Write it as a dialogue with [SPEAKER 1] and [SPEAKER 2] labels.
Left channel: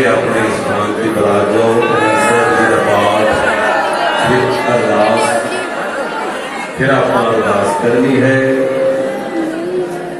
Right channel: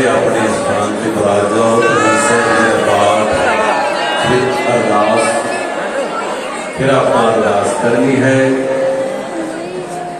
[SPEAKER 1] ਸਾਰੇ ਆਪਣੇ ਸਥਾਨ ਤੇ ਬਰਾਜ ਜਾਓ ਪਰਮੇਸ਼ਰ ਜੀ ਦਾ ਪਾਠ ਫਿਰ ਅਰਦਾਸ ਫਿਰ ਆਪਾਂ ਅਰਦਾਸ ਕਰਨੀ ਹੈ